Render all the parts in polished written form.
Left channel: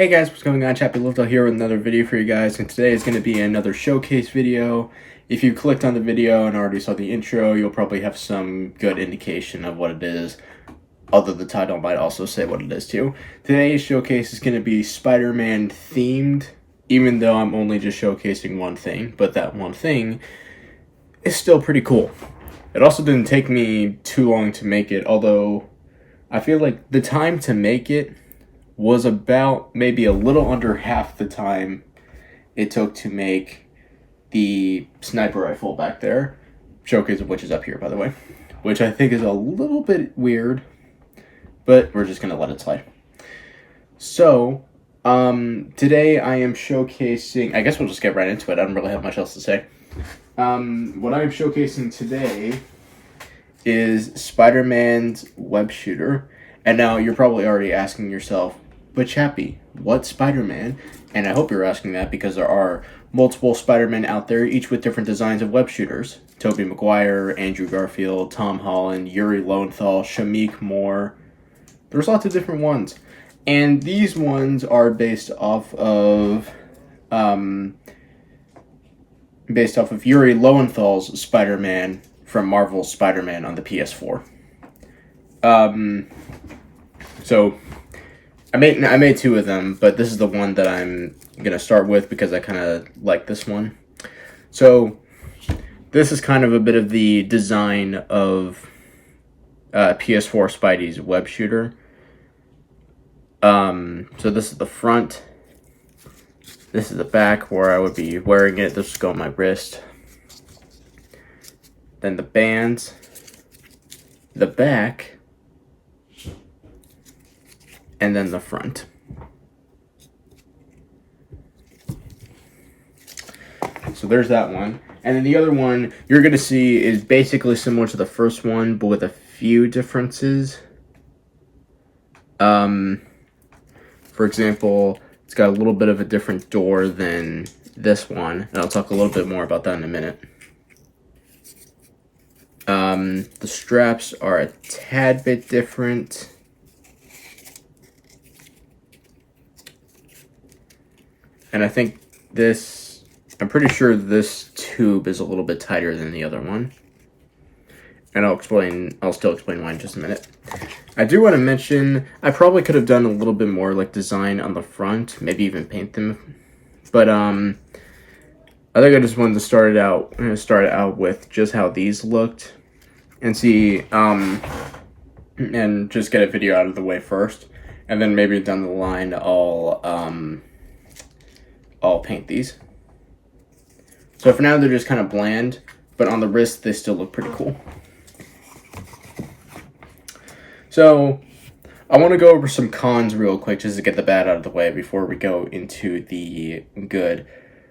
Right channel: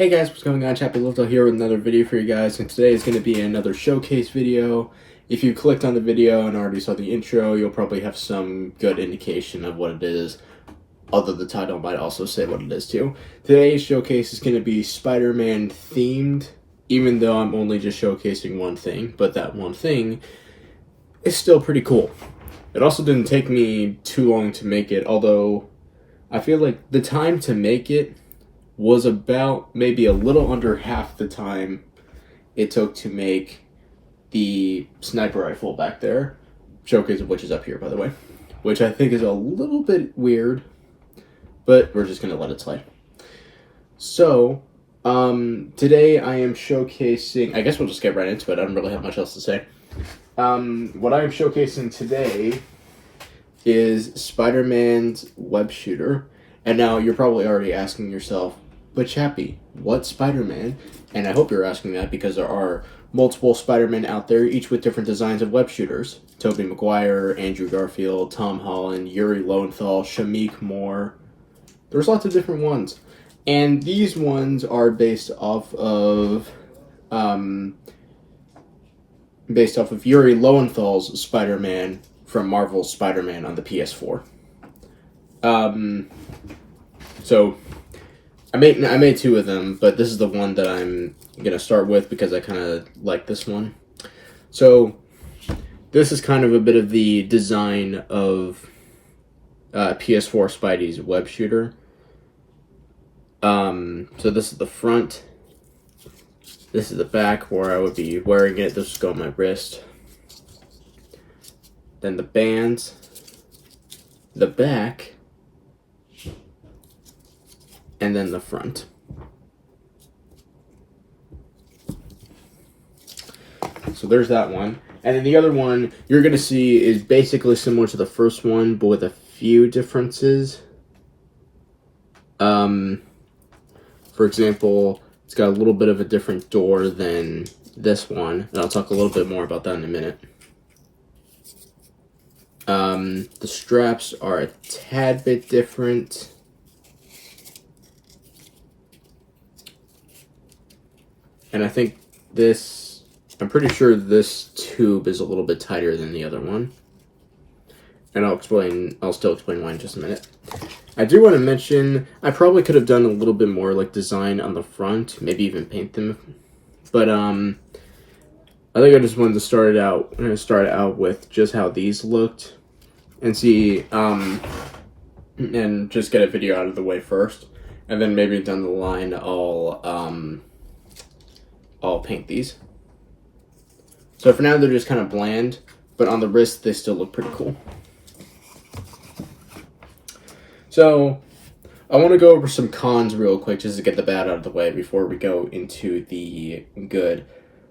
Hey guys, what's going on? Chappy Little here with another video for you guys, and today is going to be another showcase video. If you clicked on the video and already saw the intro, you'll probably have some good indication of what it is, although the title might also say what it is too. Today's showcase is going to be Spider-Man themed, even though I'm only just showcasing one thing, but that one thing is still pretty cool. It also didn't take me too long to make it, although I feel like the time to make it was about maybe a little under half the time it took to make the sniper rifle back there, showcase of which is up here, by the way, which I think is a little bit weird, but we're just gonna let it slide. So, today I am showcasing, I guess we'll just get right into it, I don't really have much else to say. What I am showcasing today is Spider-Man's web shooter, and now you're probably already asking yourself, but Chappy, what Spider-Man? And I hope you're asking that because there are multiple Spider-Men out there, each with different designs of web shooters. Tobey Maguire, Andrew Garfield, Tom Holland, Yuri Lowenthal, Shameik Moore. There's lots of different ones. And these ones are based off of Yuri Lowenthal's Spider-Man from Marvel's Spider-Man on the PS4. So I made two of them, but this is the one that I'm gonna start with because I kind of like this one. So this is kind of a bit of the design of PS4 Spidey's web shooter. So this is the front. This is the back where I would be wearing it. This would go on my wrist. Then the bands, the back, and then the front. So there's that one. And then the other one you're going to see is basically similar to the first one, but with a few differences. For example, it's got a little bit of a different door than this one. And I'll talk a little bit more about that in a minute. The straps are a tad bit different. And I think I'm pretty sure this tube is a little bit tighter than the other one. And I'll still explain why in just a minute. I do want to mention, I probably could have done a little bit more like design on the front, maybe even paint them. But I think I just wanted to start out with just how these looked and see, and just get a video out of the way first. And then maybe down the line, I'll paint these. So for now, they're just kind of bland, but on the wrist, they still look pretty cool. So I want to go over some cons real quick just to get the bad out of the way before we go into the good.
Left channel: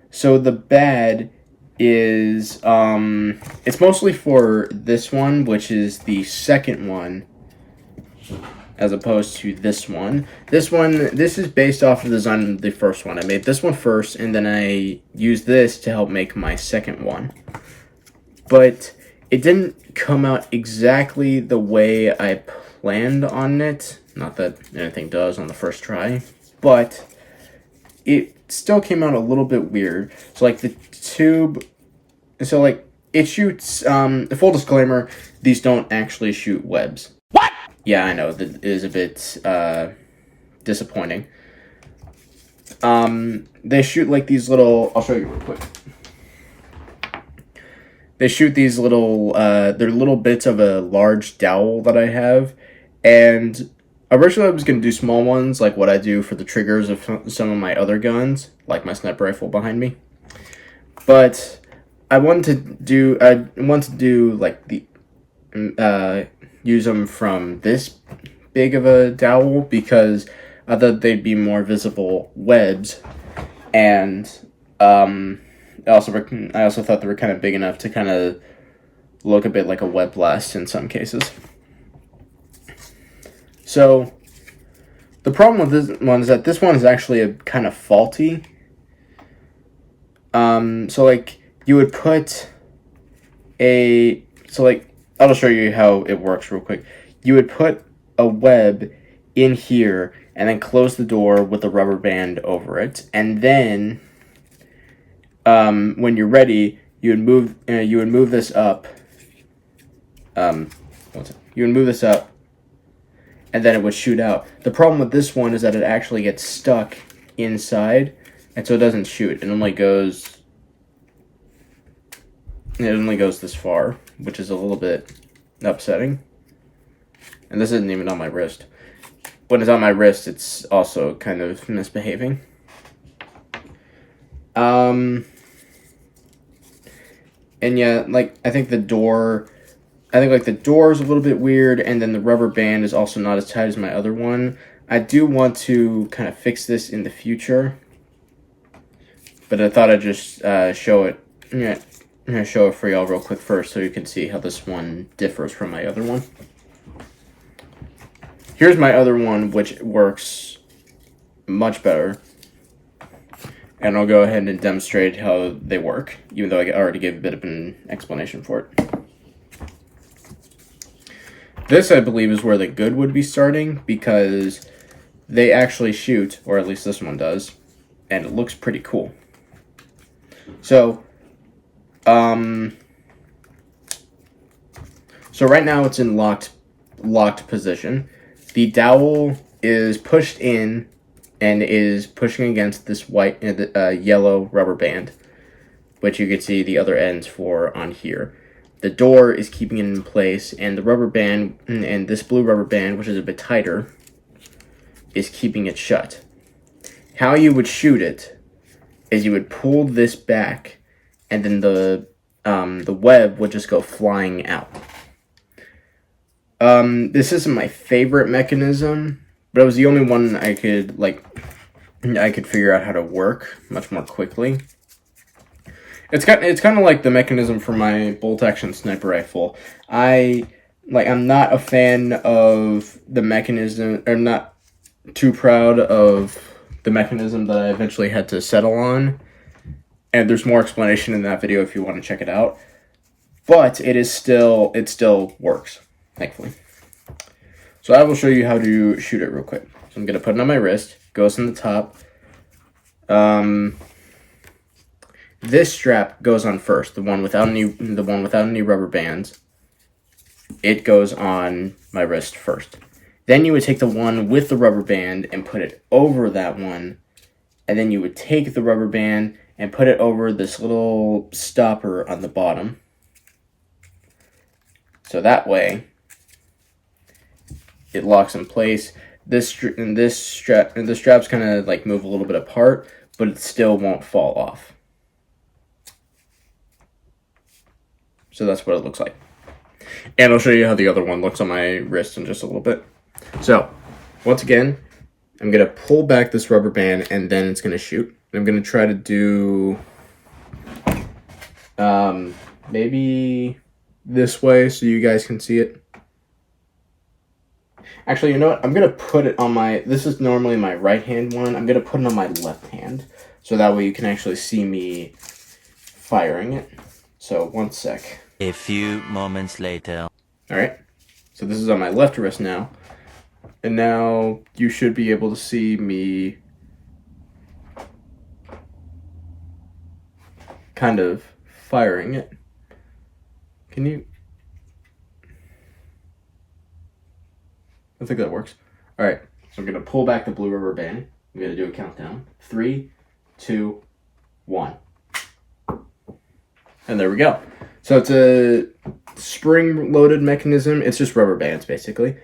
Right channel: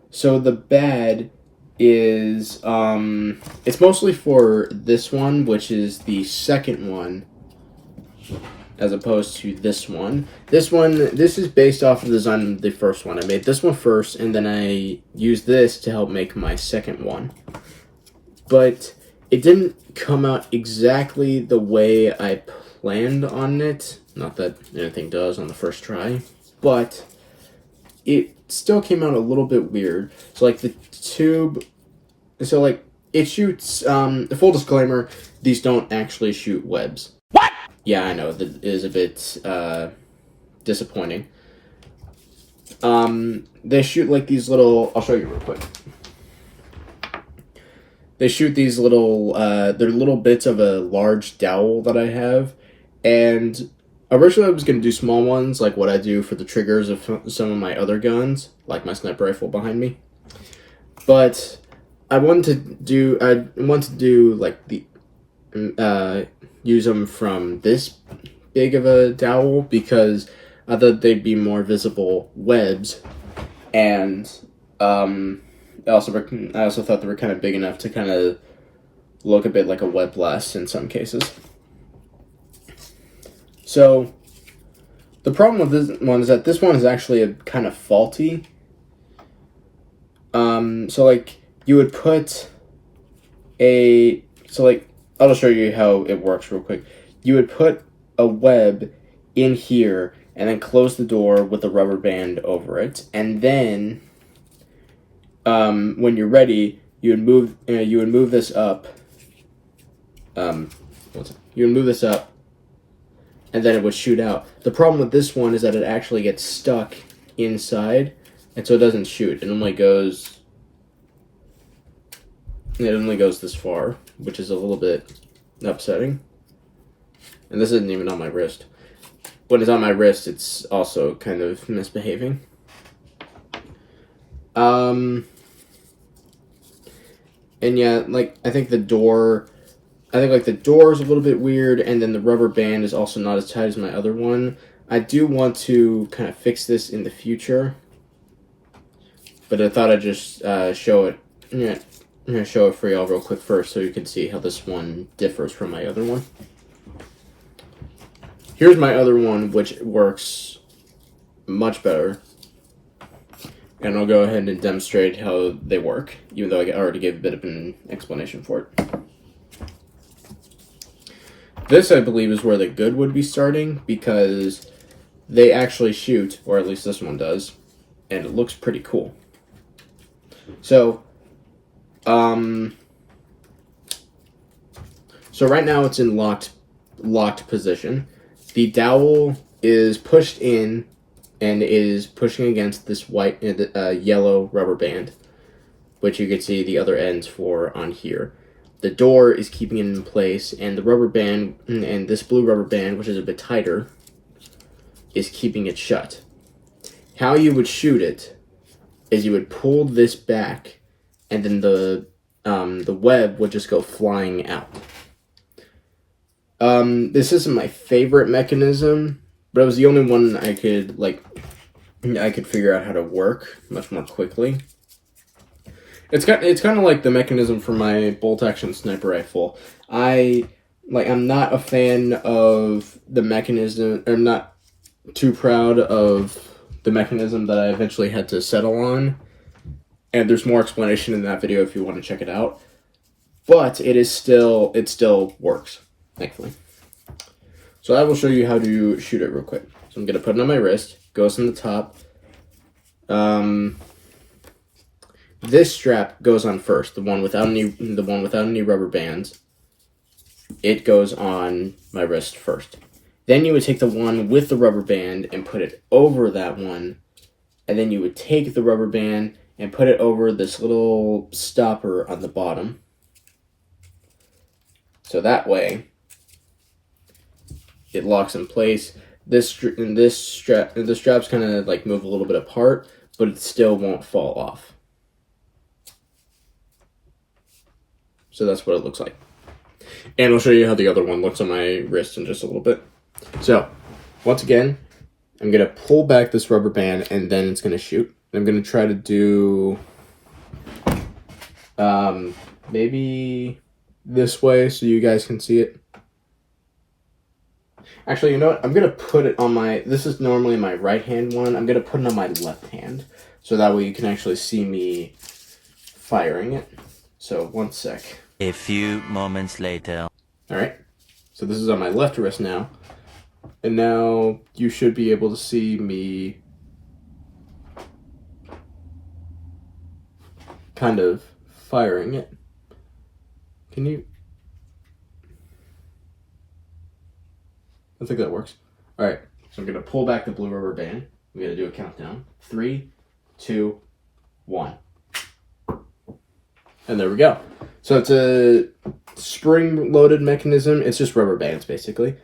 So the bad is, it's mostly for this one, which is the second one, as opposed to this one. This is based off of the design of the first one. I made this one first, and then I used this to help make my second one. But it didn't come out exactly the way I planned on it. Not that anything does on the first try, but it still came out a little bit weird. So like the tube, so like it shoots, full disclaimer, these don't actually shoot webs. Yeah, I know, that is a bit disappointing. They shoot like these little, I'll show you real quick. They shoot these little, they're little bits of a large dowel that I have, and originally I was going to do small ones, like what I do for the triggers of some of my other guns, like my sniper rifle behind me. But I wanted to do like the, use them from this big of a dowel because I thought they'd be more visible webs, and I also thought they were kind of big enough to kind of look a bit like a web blast in some cases. So the problem with this one is that this one is actually a kind of faulty. So like you would put I'll just show you how it works real quick. You would put a web in here, and then close the door with the rubber band over it. And then, when you're ready, you would move this up. You would move this up, and then it would shoot out. The problem with this one is that it actually gets stuck inside, and so it doesn't shoot. It only goes this far, which is a little bit upsetting. And this isn't even on my wrist. When it's on my wrist, it's also kind of misbehaving. And yeah, I think the door is a little bit weird, and then the rubber band is also not as tight as my other one. I do want to kind of fix this in the future, but I thought I'd just show it. I'm gonna show it for y'all real quick first, so you can see how this one differs from my other one. Here's my other one, which works much better. And I'll go ahead and demonstrate how they work, even though I already gave a bit of an explanation for it. This, I believe, is where the good would be starting, because they actually shoot, or at least this one does, and it looks pretty cool. So right now it's in locked position. The dowel is pushed in and is pushing against this yellow rubber band, which you can see the other ends for on here. The door is keeping it in place, and the rubber band, and this blue rubber band, which is a bit tighter, is keeping it shut. How you would shoot it is you would pull this back, and then the web would just go flying out. This isn't my favorite mechanism, but it was the only one I could figure out how to work much more quickly. It's kind of like the mechanism for my bolt action sniper rifle. I'm not a fan of the mechanism, or not too proud of the mechanism that I eventually had to settle on. And there's more explanation in that video if you want to check it out. But it still works, thankfully. So I will show you how to shoot it real quick. So I'm gonna put it on my wrist. Goes in the top. This strap goes on first, the one without any rubber bands. It goes on my wrist first. Then you would take the one with the rubber band and put it over that one, and then you would take the rubber band and put it over this little stopper on the bottom. So that way, it locks in place. The straps kind of move a little bit apart, but it still won't fall off. So that's what it looks like. And I'll show you how the other one looks on my wrist in just a little bit. So, once again, I'm going to pull back this rubber band, and then it's going to shoot. I'm going to try to do maybe this way so you guys can see it. Actually, you know what? I'm going to put it on this is normally my right hand one. I'm going to put it on my left hand, so that way you can actually see me firing it. So, one sec. A few moments later. Alright, so this is on my left wrist now. And now you should be able to see me kind of firing it. Can you? I think that works. Alright, so I'm going to pull back the blue rubber band. I'm going to do a countdown. 3, 2, 1. And there we go. So it's a spring-loaded mechanism. It's just rubber bands, basically.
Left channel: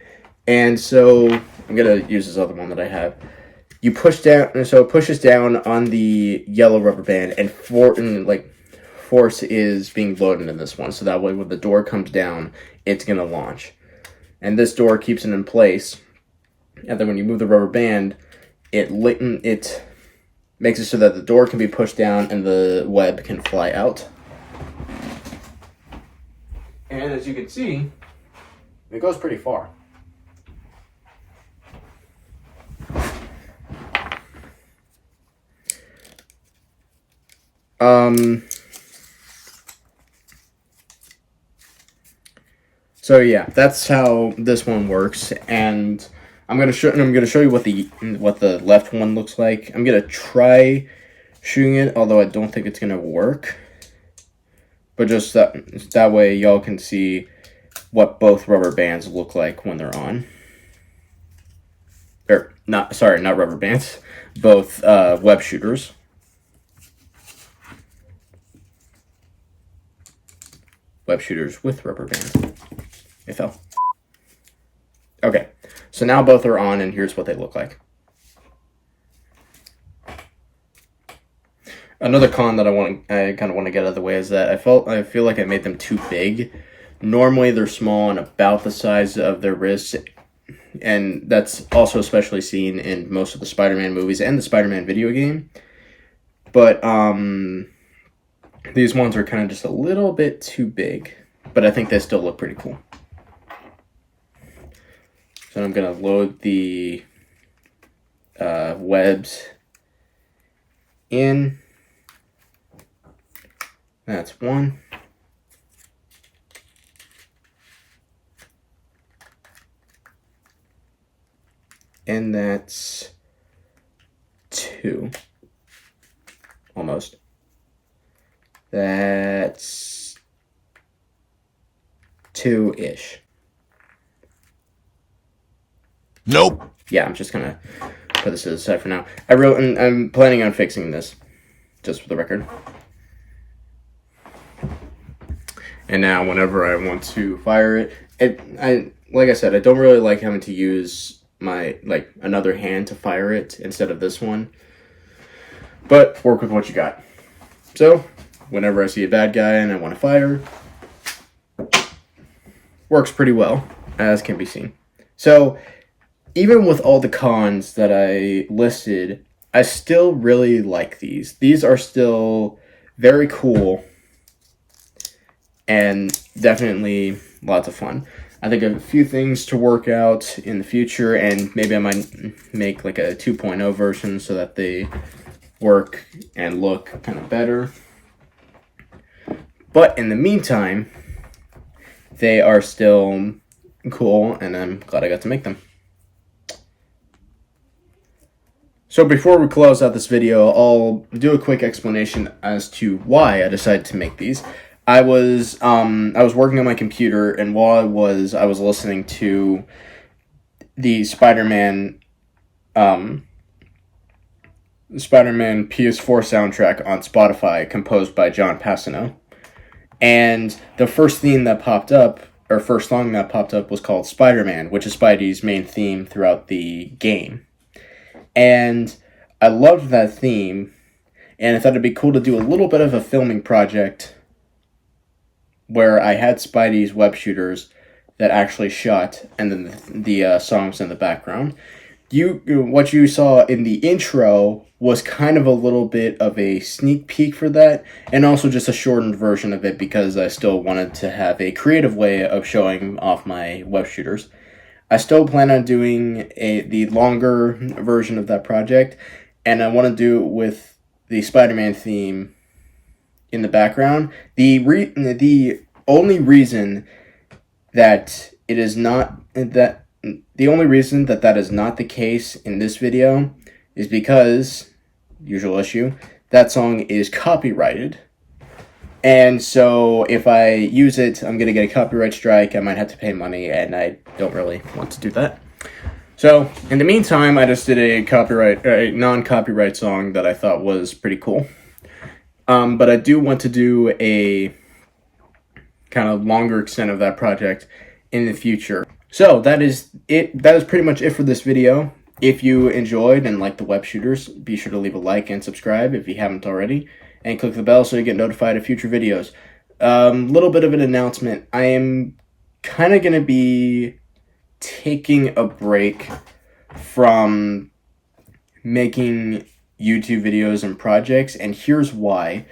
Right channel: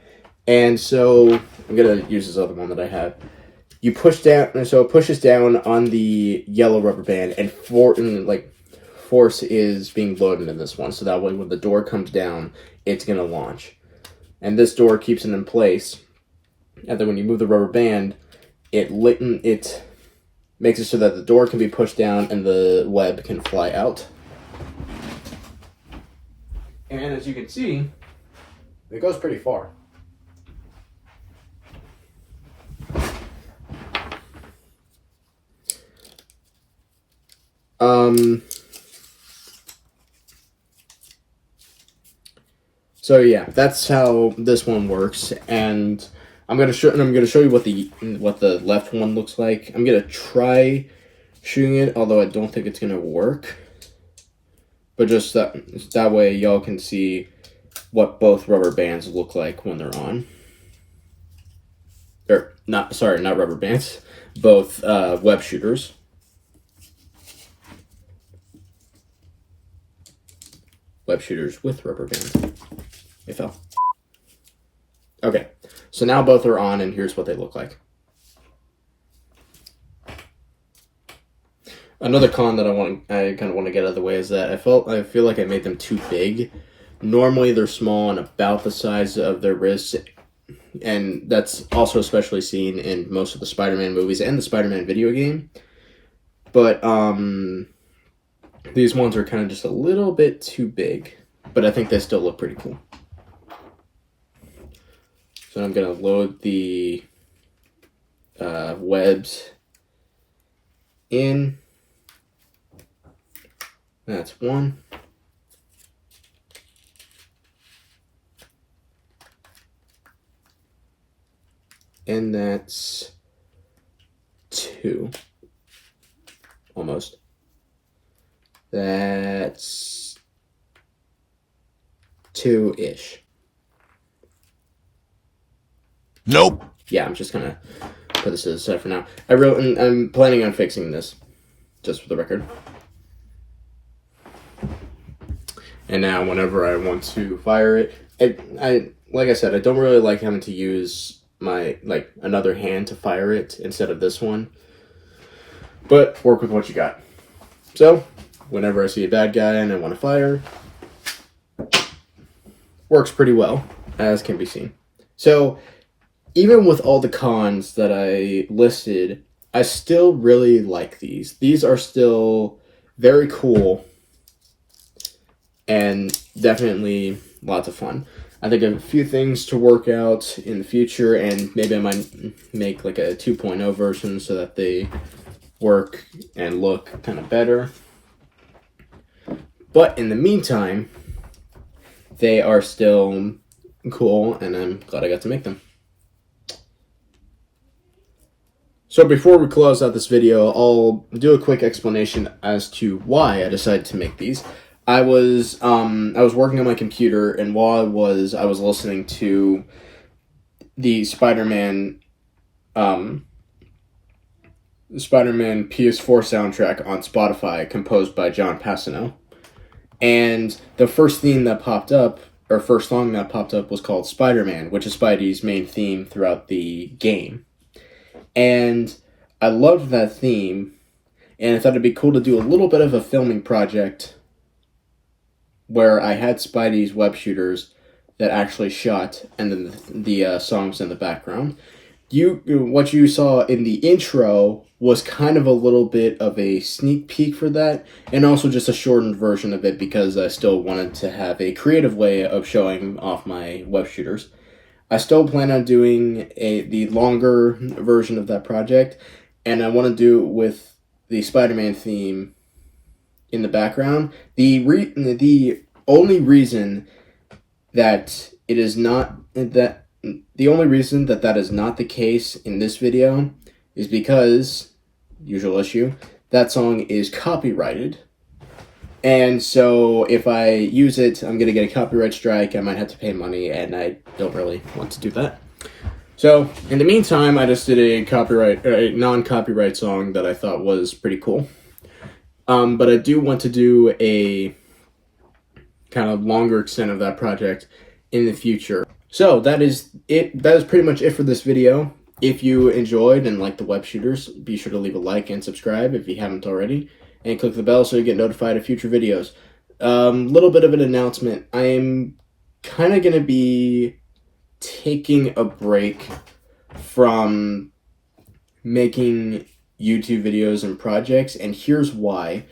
And so I'm going to use this other one that I have. You push down, and so it pushes down on the yellow rubber band, and force is being loaded in this one. So that way when the door comes down, it's going to launch. And this door keeps it in place. And then when you move the rubber band, it makes it so that the door can be pushed down and the web can fly out. And as you can see, it goes pretty far. So yeah, that's how this one works, and I'm gonna show you what the left one looks like. I'm gonna try shooting it, although I don't think it's gonna work. But just that way y'all can see what both rubber bands look like when they're on. Or not rubber bands, both web shooters. Web shooters with rubber bands. It fell. Okay, so now both are on, and here's what they look like. Another con that I kind of want to get out of the way is that I feel like I made them too big. Normally they're small and about the size of their wrists, and that's also especially seen in most of the Spider-Man movies and the Spider-Man video game. But these ones are kind of just a little bit too big, but I think they still look pretty cool. So I'm gonna load the webs in. That's one. And that's two. Almost. That's two-ish. Nope. Yeah, I'm just gonna put this to the side for now. I'm planning on fixing this, just for the record. And now, whenever I want to fire it, like I said, I don't really like having to use my another hand to fire it instead of this one. But work with what you got. So, whenever I see a bad guy and I want to fire, works pretty well, as can be seen. So, even with all the cons that I listed, I still really like these. These are still very cool and definitely lots of fun. I think I have a few things to work out in the future, and maybe I might make like a 2.0 version so that they work and look kind of better. But in the meantime, they are still cool, and I'm glad I got to make them. So before we close out this video, I'll do a quick explanation as to why I decided to make these. I was working on my computer, and while I was listening to the Spider-Man PS4 soundtrack on Spotify, composed by John Passano. And the first theme that popped up, or first song that popped up, was called Spider-Man, which is Spidey's main theme throughout the game. And I loved that theme, and I thought it'd be cool to do a little bit of a filming project where I had Spidey's web shooters that actually shot, and then the songs in the background. What you saw in the intro was kind of a little bit of a sneak peek for that, and also just a shortened version of it because I still wanted to have a creative way of showing off my web shooters. I still plan on doing the longer version of that project, and I want to do it with the Spider-Man theme in the background. The only reason that it is not that the only reason that is not the case in this video is because, usual issue, that song is copyrighted. And so if I use it, I'm going to get a copyright strike. I might have to pay money, and I don't really want to do that. So in the meantime, I just did a non-copyright song that I thought was pretty cool. But I do want to do a kind of longer extent of that project in the future. So that is it. That is pretty much it for this video. If you enjoyed and liked the web shooters, be sure to leave a like and subscribe if you haven't already, and click the bell so you get notified of future videos. Little bit of an announcement. I am kind of going to be taking a break from making YouTube videos and projects, and here's why.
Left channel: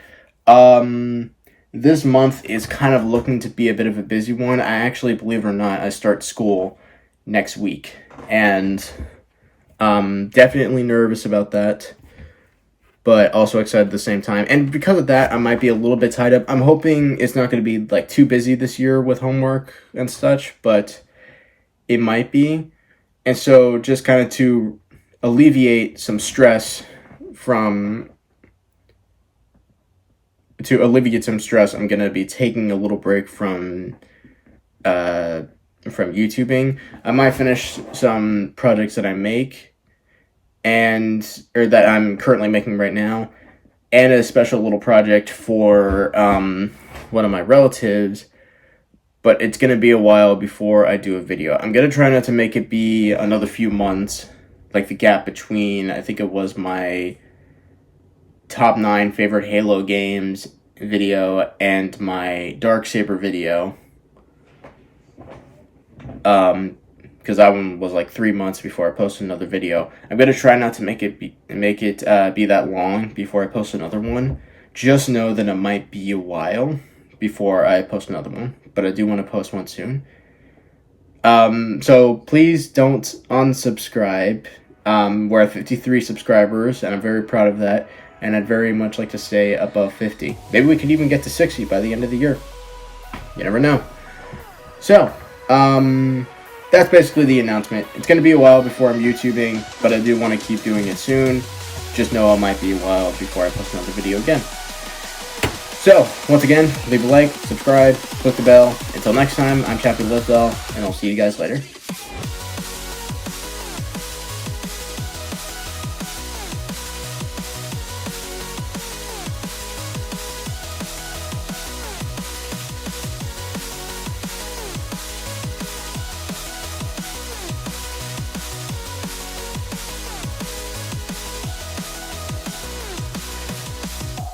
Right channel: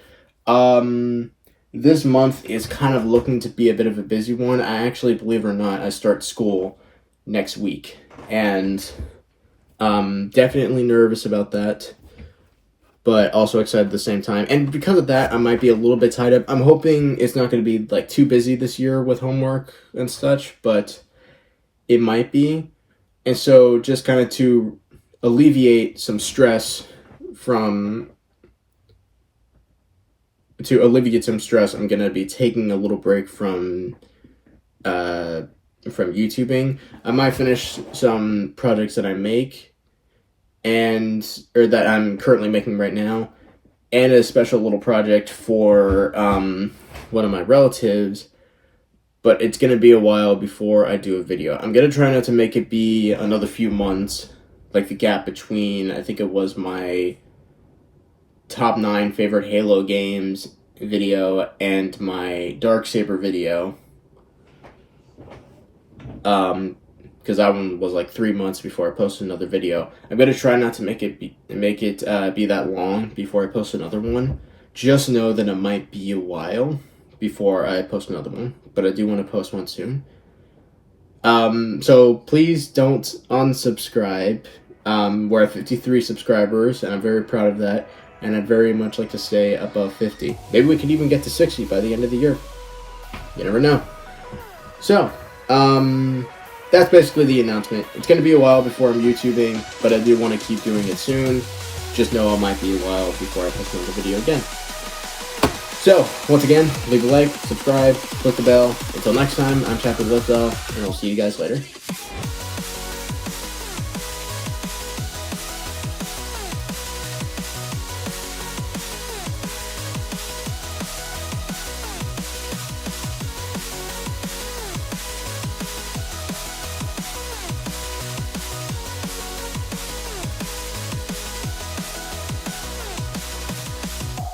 This month is kind of looking to be a bit of a busy one. I actually, believe it or not, I start school next week, and definitely nervous about that, but also excited at the same time. And because of that, I might be a little bit tied up. I'm hoping it's not going to be too busy this year with homework and such, but it might be. And so just kind of to alleviate some stress I'm going to be taking a little break from YouTubing. I might finish some projects that I make or that I'm currently making right now, and a special little project for one of my relatives, but it's going to be a while before I do a video. I'm going to try not to make it be another few months, like the gap between, I think it was my top 9 favorite Halo games video and my Darksaber video. Because that one was like 3 months before I posted another video. I'm gonna try not to make it be that long before I post another one. Just know that it might be a while before I post another one, but I do want to post one soon. So please don't unsubscribe. We're at 53 subscribers, and I'm very proud of that. And I'd very much like to stay above 50. Maybe we could even get to 60 by the end of the year. You never know. So, that's basically the announcement. It's going to be a while before I'm YouTubing, but I do want to keep doing it soon. Just know it might be a while before I post another video again. So, once again, leave a like, subscribe, click the bell. Until next time, I'm Chapter Lizdell, and I'll see you guys later.